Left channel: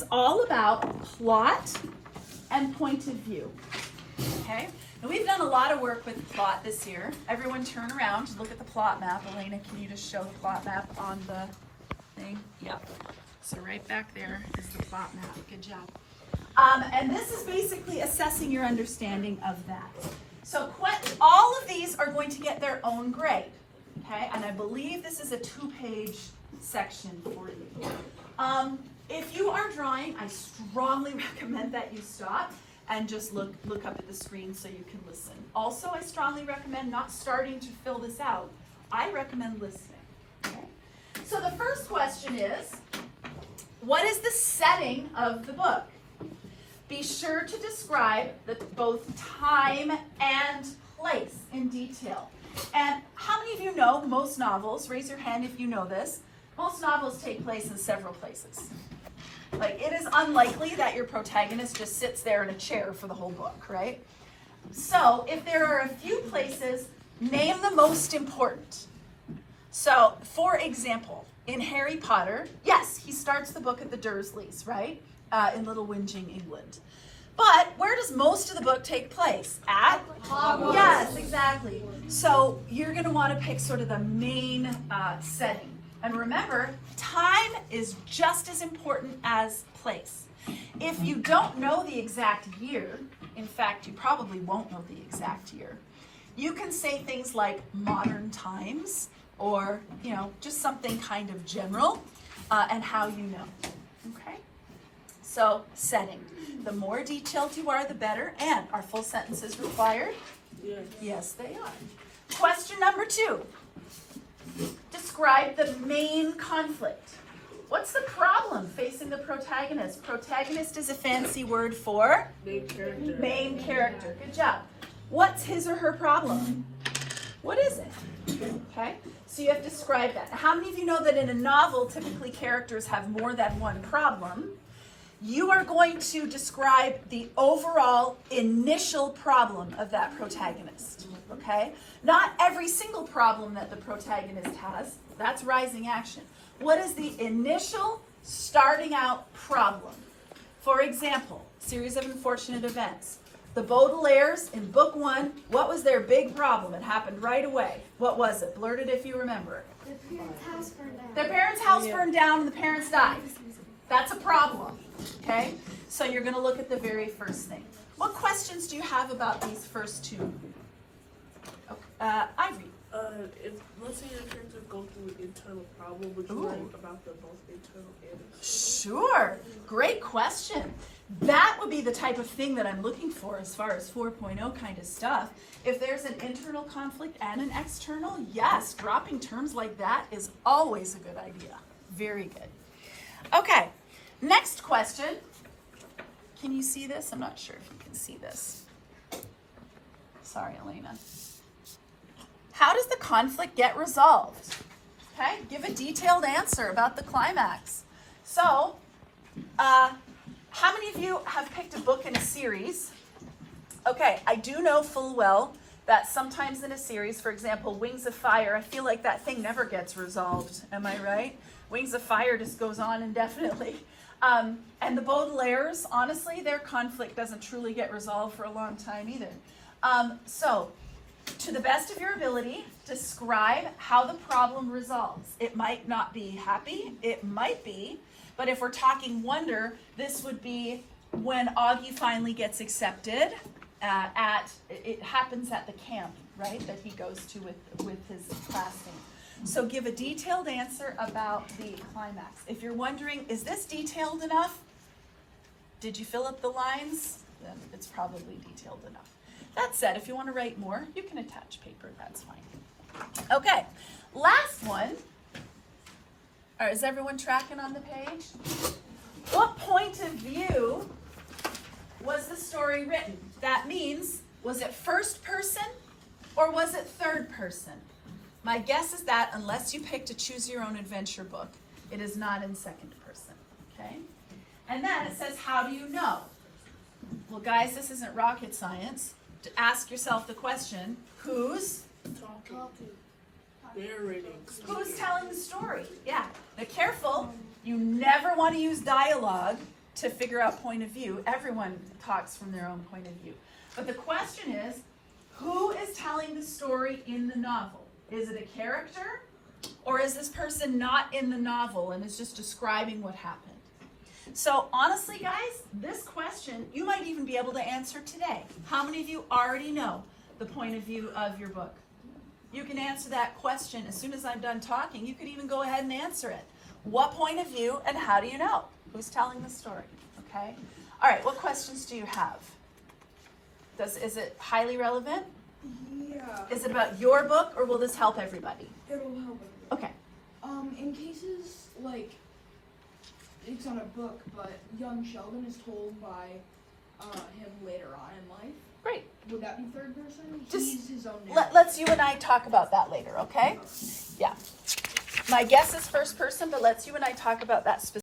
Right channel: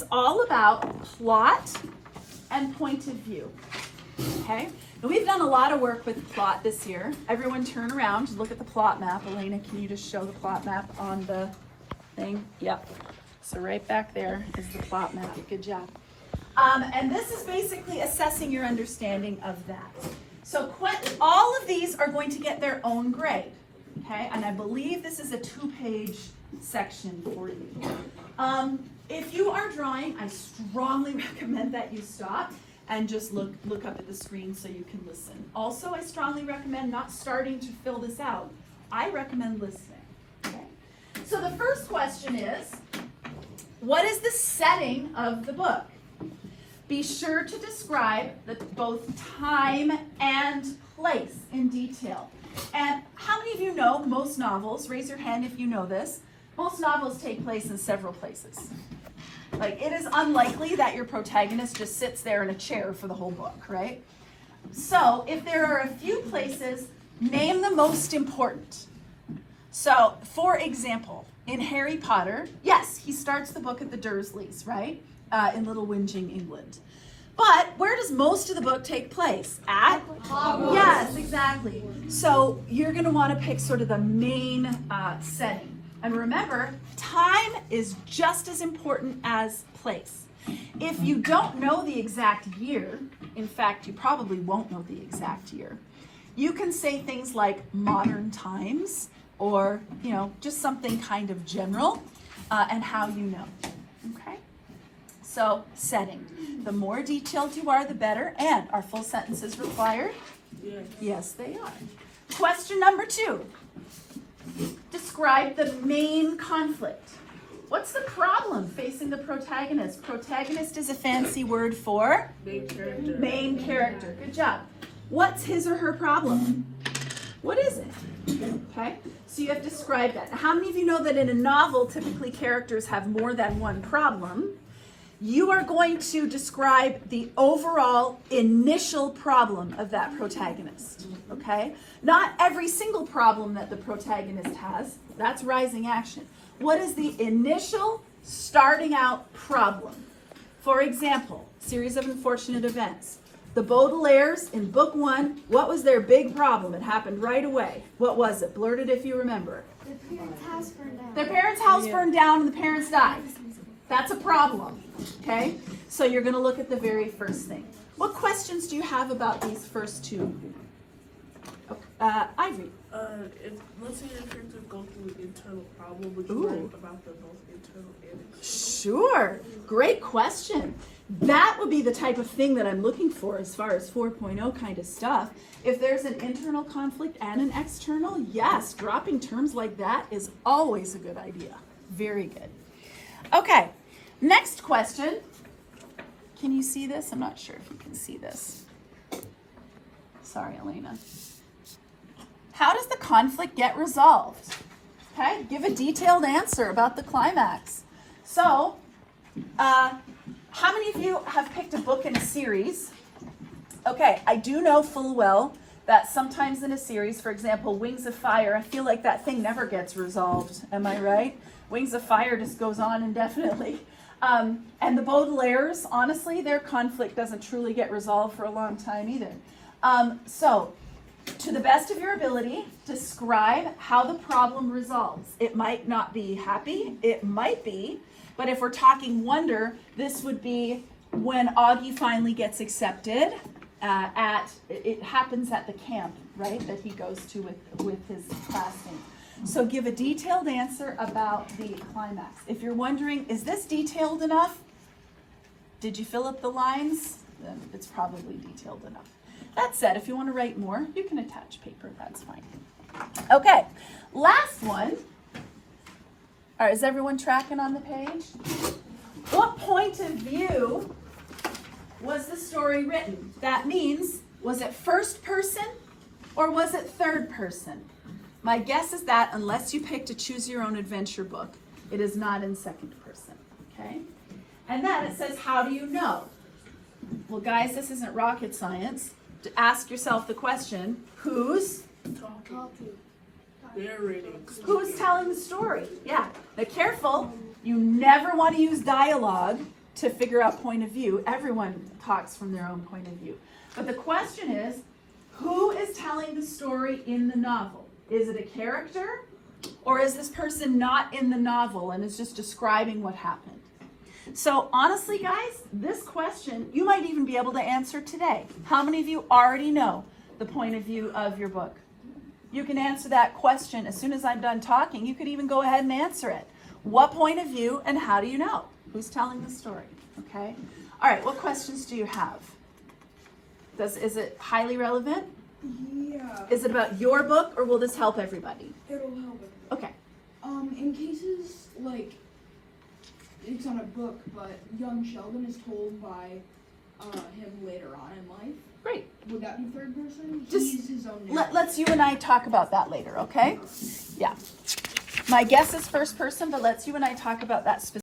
is all about plot and point of view. Okay? And we've done a lot of work with plot this year. Everyone turn around and look at the plot map. Elena, can you just show the plot map on the thing? Yep. So right back there is the plot map. Good job. And this is basically assessing your understanding of that. So all of these are going to get their own grade. Okay? And I believe this is a 2-page section for you. If you are drawing, I strongly recommend that you stop and just look up at the screen so you can listen. Also, I strongly recommend not starting to fill this out. I recommend listening. Okay? So the first question is, what is the setting of the book? Be sure to describe both time and place in detail. And how many of you know most novels, raise your hand if you know this, most novels take place in several places. Like, it is unlikely that your protagonist just sits there in a chair for the whole book, right? So, if there are a few places, name the most important. So, for example, in Harry Potter, yes, he starts the book at the Dursleys, right? In Little Whinging, England. But where does most of the book take place? At Hogwarts. Yes, exactly. So, you're going to want to pick sort of the main setting. And remember, time is just as important as place. If you don't know the exact year, in fact, you probably won't know the exact year, you can say things like modern times or, just something kind of general and how you know. Okay? So, setting. The more detailed you are, the better. And are full sentences required? Yes, they are. Question number 2. Describe the main conflict. What's the problem facing the protagonist? Protagonist is a fancy word for main character. Good job. What's his or her problem? What is it? Okay, so you have to describe that. Now, how many of you know that in a novel, typically characters have more than one problem? You are going to describe the overall initial problem of that protagonist, okay? Not every single problem that the protagonist has. That's rising action. What is the initial starting out problem? For example, series of unfortunate events. The Baudelaires in book 1, what was their big problem? It happened right away. What was it? Blurt it if you remember. Their parents' house burned down. Their parents' house burned down and the parents died. That's a problem, okay? So you're going to look at the very first thing. What questions do you have about these first two? Ivory. Most of the characters go through an internal problem, would you write about the most internal damage? Sure. Great question. That would be the type of thing that I'm looking for as far as 4.0 kind of stuff. If there's an internal conflict and an external, yes, dropping terms like that is always a good idea. Very good. Okay, next question. Can you see this? I'm not sure if you can see this. Sorry, Elena. How does the conflict get resolved? Okay, give a detailed answer about the climax. So, how many of you have picked a book in a series? Okay, I do know full well that sometimes in a series, for example, Wings of Fire, I feel like that thing never gets resolved. Am I right? Wings of Fire just goes on indefinitely. And the Baudelaires, honestly, their conflict doesn't truly get resolved for a long time either. So, to the best of your ability, describe how the problem resolves. It might not be happy, it might be, but if we're talking wonder, this would be when Augie finally gets accepted it happens at the camp, right, that he goes to with his classmates. So give a detailed answer about the climax. If you're wondering, is this detailed enough? Did you fill up the lines? Then it's probably detailed enough. That said, if you want to write more, you can attach paper, that's fine. Okay, last one. All right, is everyone tracking on the page? What point of view was the story written? That means, was it first person or was it third person? My guess is that unless you picked a choose your own adventure book, it is not in second person, okay? And then it says, how do you know? Well, guys, this isn't rocket science. To ask yourself the question, who's Talking. Narrating. who's telling the story? Yeah. Now careful, you never want to use dialogue to figure out point of view. Everyone talks from their own point of view. But the question is, who is telling the story in the novel? Is it a character? Or is this person not in the novel and is just describing what happened? So honestly, guys, this question, you might even be able to answer today. How many of you already know the point of view of your book? You can answer that question as soon as I'm done talking. You could even go ahead and answer it. What point of view and how do you know? Who's telling the story? Okay. All right, what questions do you have? Is it highly relevant? Yeah. Is it about your book or will this help everybody? It'll help it. Okay. In cases like it's on a book, but young Sheldon is told by him later on in life. Great. Would that be third person? Just He's his own name. Let's you and I talk about that later, okay? Yeah. My guess is first person, but let's you and I talk about that specifically.